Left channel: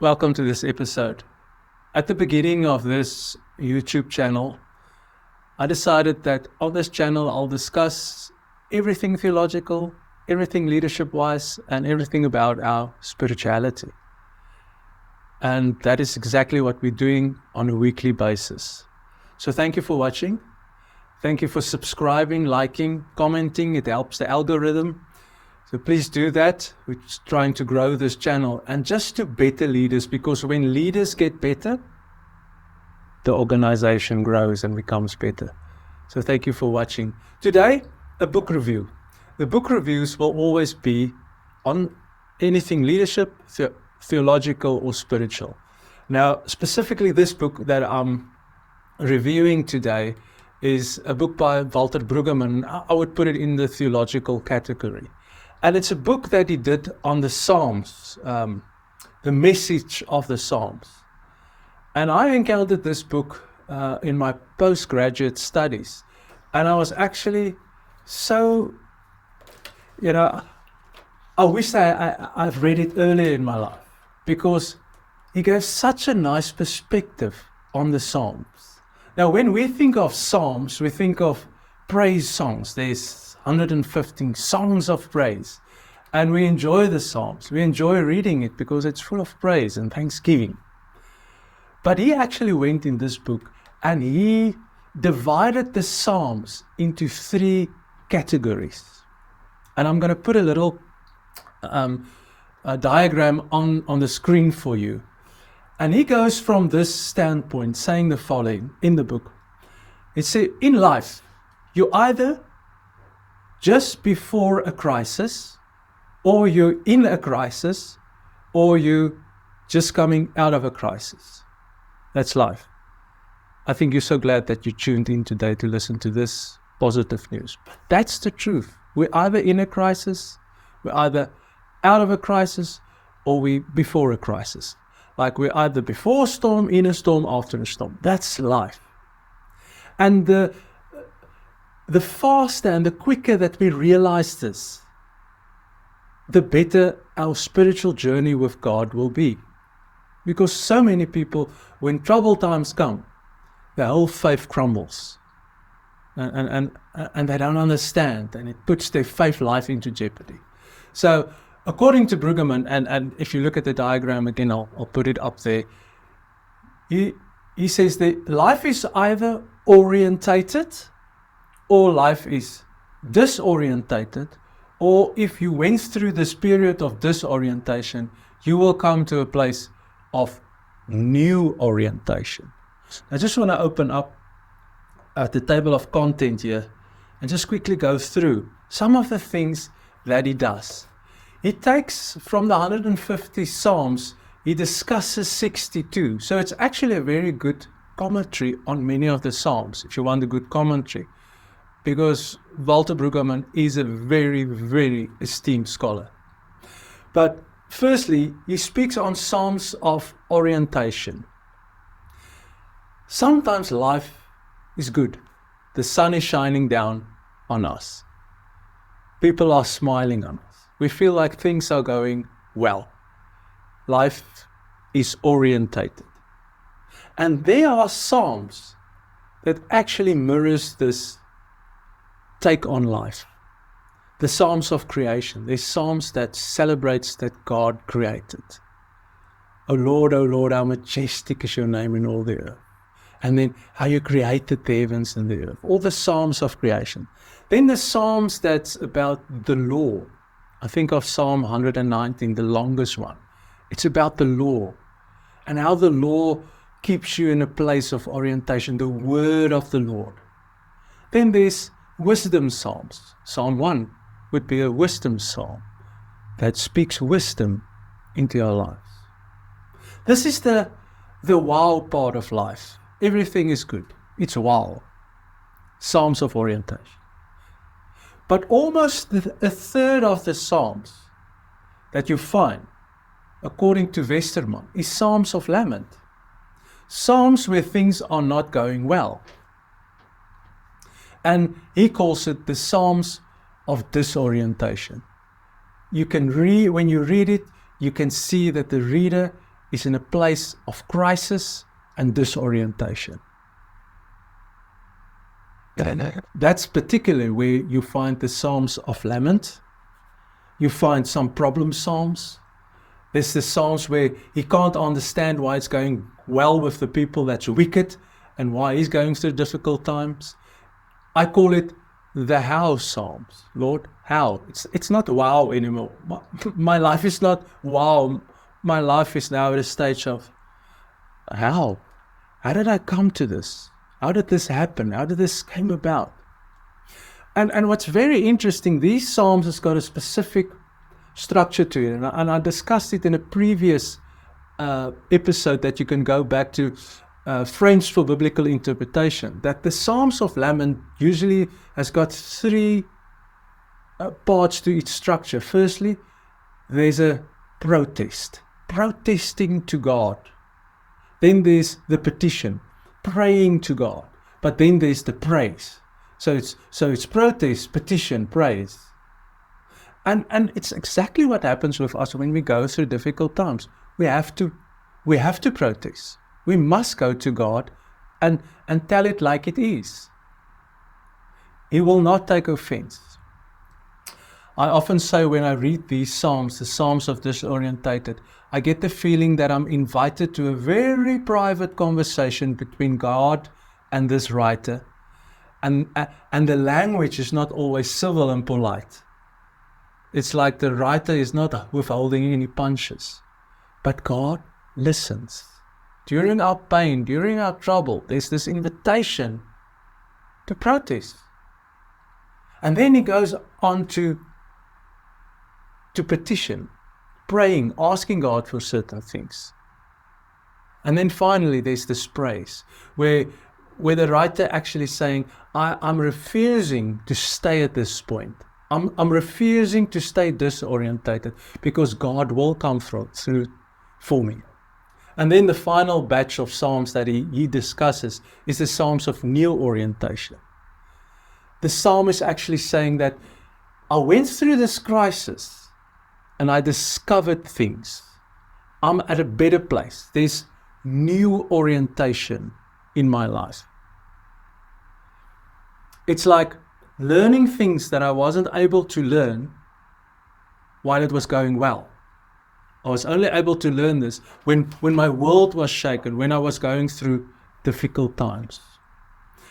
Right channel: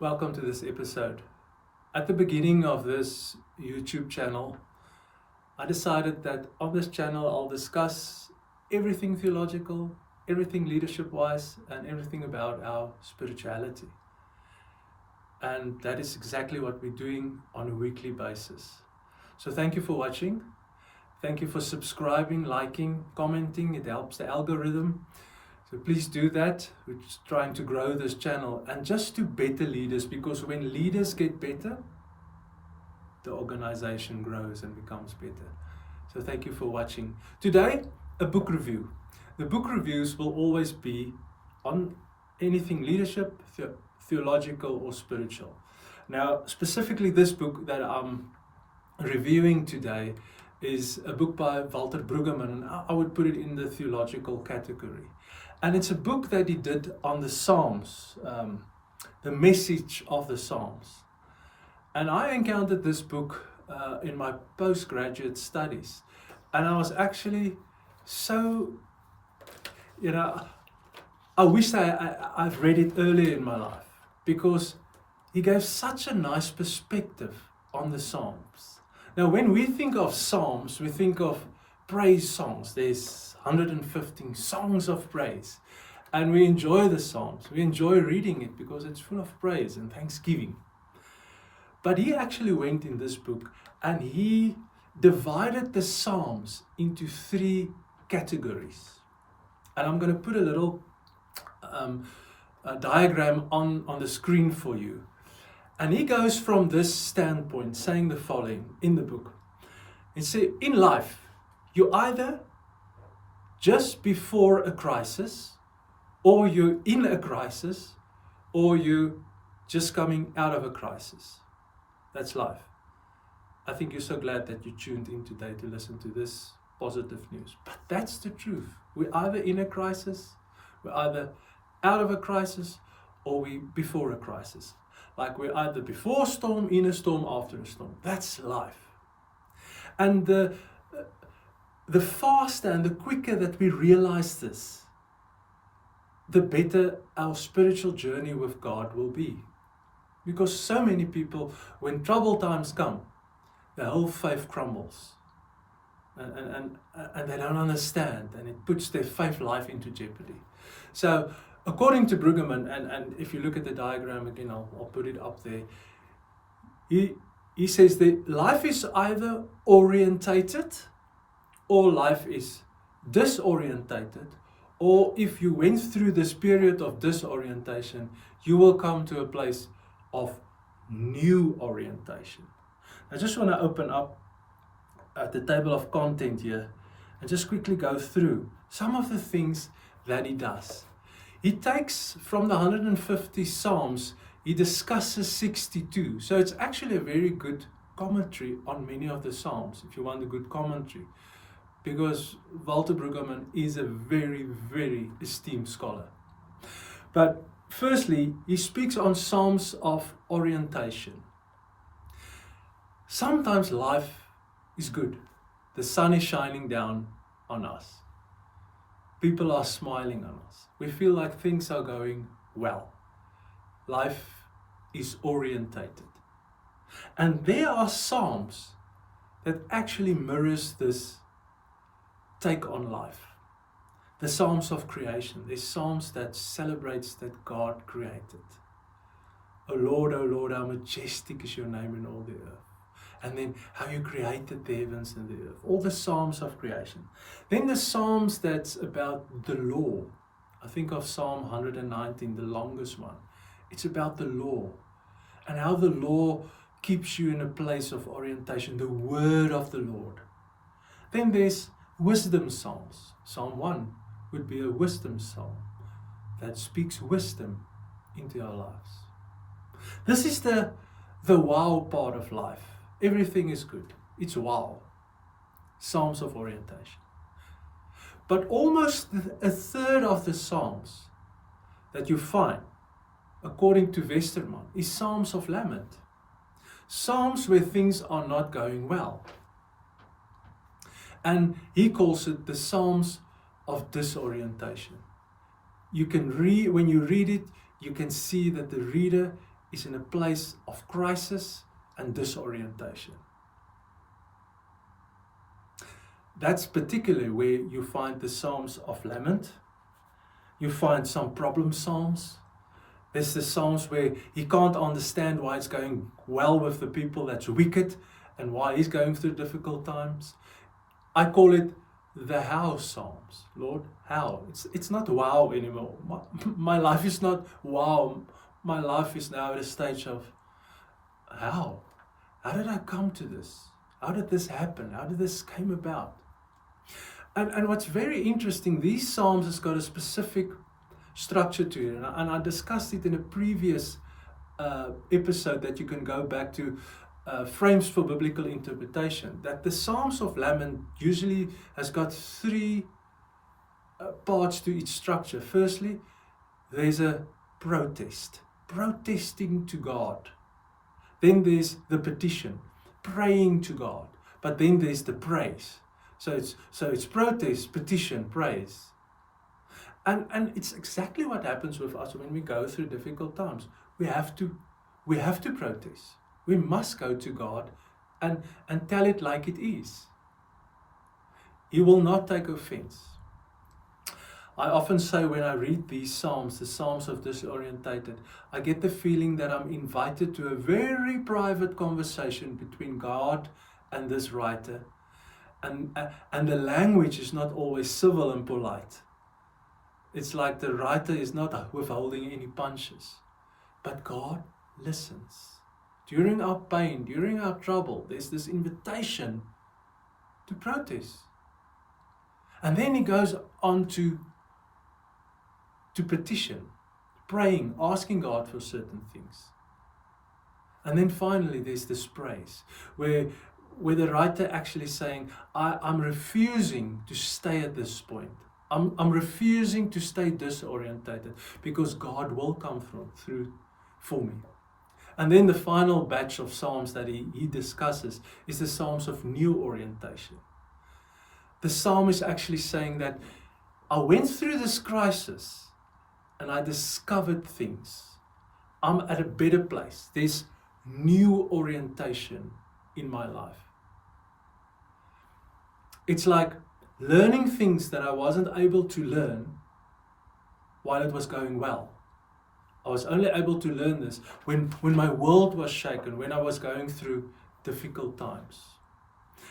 Welcome to this episode. At the beginning of this YouTube channel, I decided that on this channel I'll discuss everything theological, everything leadership-wise, and everything about our spirituality. And that is exactly what we're doing on a weekly basis. So thank you for watching. Thank you for subscribing, liking, commenting. It helps the algorithm. So please do that. We're just trying to grow this channel and just to better leaders, because when leaders get better, the organization grows and becomes better. So thank you for watching. Today, a book review. The book reviews will always be on anything leadership, theological or spiritual. Now, specifically this book that I'm reviewing today is a book by Walter Brueggemann. I would put it in the theological category. And it's a book that he did on the Psalms, the message of the Psalms. And I encountered this book in my postgraduate studies. And I was actually so, I wish I've read it earlier in my life, because he gave such a nice perspective on the Psalms. Now, when we think of Psalms, we think of praise songs. There's 115 songs of praise. And we enjoy the Psalms. We enjoy reading it because it's full of praise and thanksgiving. But he actually went in this book and he divided the Psalms into 3 categories. And I'm going to put a little diagram on the screen for you. And he goes from this standpoint, saying the following in the book. It says, in life, you either just before a crisis, or you're in a crisis, or you're just coming out of a crisis. That's life. I think you're so glad that you tuned in today to listen to this positive news. But that's the truth. We're either in a crisis, we're either out of a crisis, or we're before a crisis. Like we're either before a storm, in a storm, after a storm. That's life. And the faster and the quicker that we realize this, the better our spiritual journey with God will be. Because so many people, when troubled times come, their whole faith crumbles. And they don't understand, and it puts their faith life into jeopardy. So, according to Brueggemann, and if you look at the diagram again, I'll put it up there, he says that life is either orientated, or life is disorientated, or if you went through this period of disorientation, you will come to a place of new orientation. I just want to open up the table of content here and just quickly go through some of the things that he does. He takes from the 150 Psalms, he discusses 62. So it's actually a very good commentary on many of the Psalms, if you want a good commentary. Because Walter Brueggemann is a very, very esteemed scholar. But firstly, he speaks on Psalms of orientation. Sometimes life is good. The sun is shining down on us. People are smiling on us. We feel like things are going well. Life is orientated. And there are Psalms that actually mirrors this take on life. The Psalms of creation. There's Psalms that celebrates that God created. O Lord, how majestic is your name in all the earth. And then how you created the heavens and the earth. All the Psalms of creation. Then the Psalms that's about the law. I think of Psalm 119, the longest one. It's about the law. And how the law keeps you in a place of orientation. The word of the Lord. Then there's wisdom Psalms. Psalm 1 would be a wisdom psalm that speaks wisdom into our lives. This is the wow part of life. Everything is good. It's wow. Psalms of orientation. But almost a third of the Psalms that you find, according to Westermann, is Psalms of lament. Psalms where things are not going well. And he calls it the Psalms of disorientation. You can when you read it, you can see that the reader is in a place of crisis and disorientation. That's particularly where you find the Psalms of Lament. You find some problem Psalms. There's the Psalms where he can't understand why it's going well with the people that's wicked and why he's going through difficult times. I call it the how Psalms. Lord, how? It's not wow anymore. My life is not wow. My life is now at a stage of how? How did I come to this? How did this happen? How did this came about? And what's very interesting, these Psalms has got a specific structure to it. And I discussed it in a previous episode that you can go back to, Frames for Biblical Interpretation, that the Psalms of Lament usually has got three parts to its structure. Firstly, there's a protest, protesting to God. Then there's the petition, praying to God. But then there's the praise. So it's protest, petition, praise. And it's exactly what happens with us when we go through difficult times. We have to protest. We must go to God and tell it like it is. He will not take offense. I often say when I read these Psalms, the Psalms of Disorientated, I get the feeling that I'm invited to a very private conversation between God and this writer. And the language is not always civil and polite. It's like the writer is not withholding any punches. But God listens. During our pain, during our trouble, there's this invitation to protest. And then he goes on to petition, praying, asking God for certain things. And then finally there's this praise, where the writer actually saying, I'm refusing to stay at this point. I'm refusing to stay disorientated because God will come through for me. And then the final batch of Psalms that he discusses is the Psalms of new orientation. The Psalm is actually saying that I went through this crisis and I discovered things. I'm at a better place. There's new orientation in my life. It's like learning things that I wasn't able to learn while it was going well. I was only able to learn this when my world was shaken, when I was going through difficult times.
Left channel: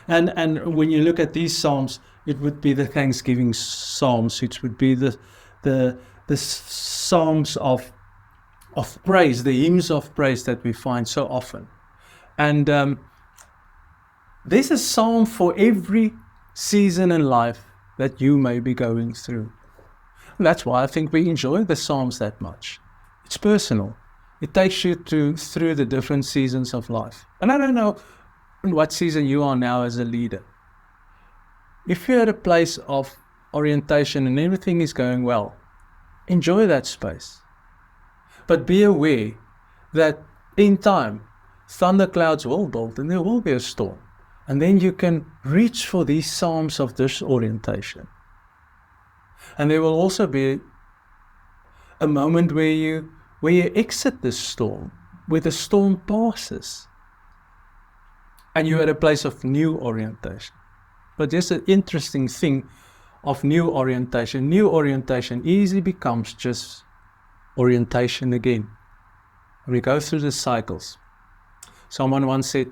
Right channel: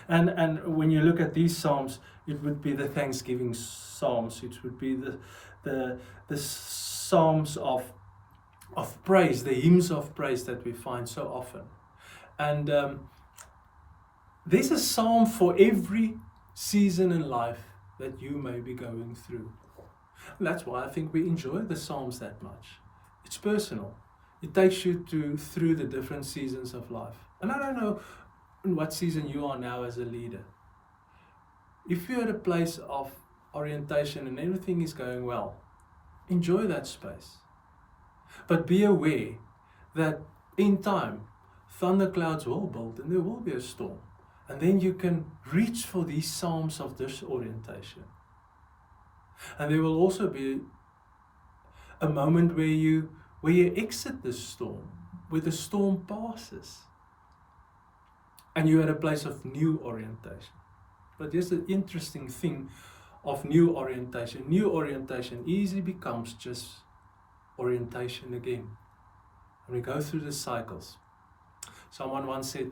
And when you look at these Psalms, it would be the Thanksgiving Psalms, it would be the Psalms of praise, the hymns of praise that we find so often. And there's a psalm for every season in life that you may be going through. And that's why I think we enjoy the Psalms that much. It's personal. It takes you through the different seasons of life. And I don't know in what season you are now as a leader. If you're at a place of orientation and everything is going well, enjoy that space. But be aware that in time, thunderclouds will build and there will be a storm. And then you can reach for these Psalms of disorientation. And there will also be a moment where you exit this storm, where the storm passes. And you're at a place of new orientation. But there's an interesting thing of new orientation. New orientation easily becomes just orientation again. And we go through the cycles. Someone once said,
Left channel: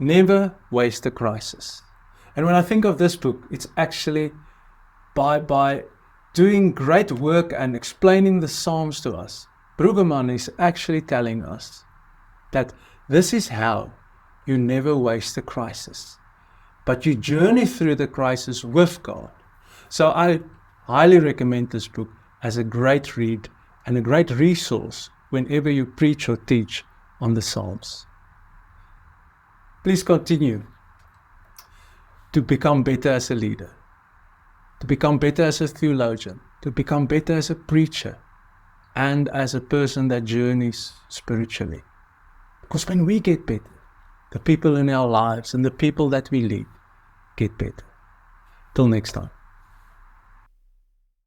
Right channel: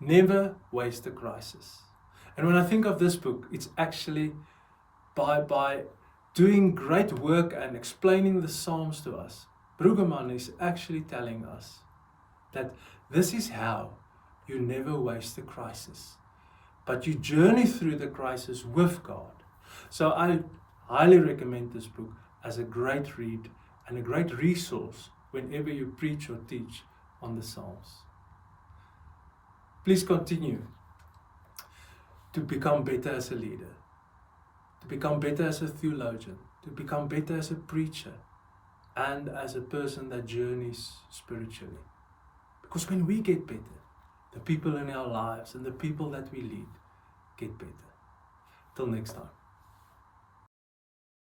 never waste a crisis. And when I think of this book, it's actually by doing great work and explaining the Psalms to us, Brueggemann is actually telling us that this is how you never waste a crisis, but you journey through the crisis with God. So I highly recommend this book as a great read and a great resource whenever you preach or teach on the Psalms. Please continue to become better as a leader, to become better as a theologian, to become better as a preacher, and as a person that journeys spiritually. Because when we get better, the people in our lives and the people that we lead get better. Till next time.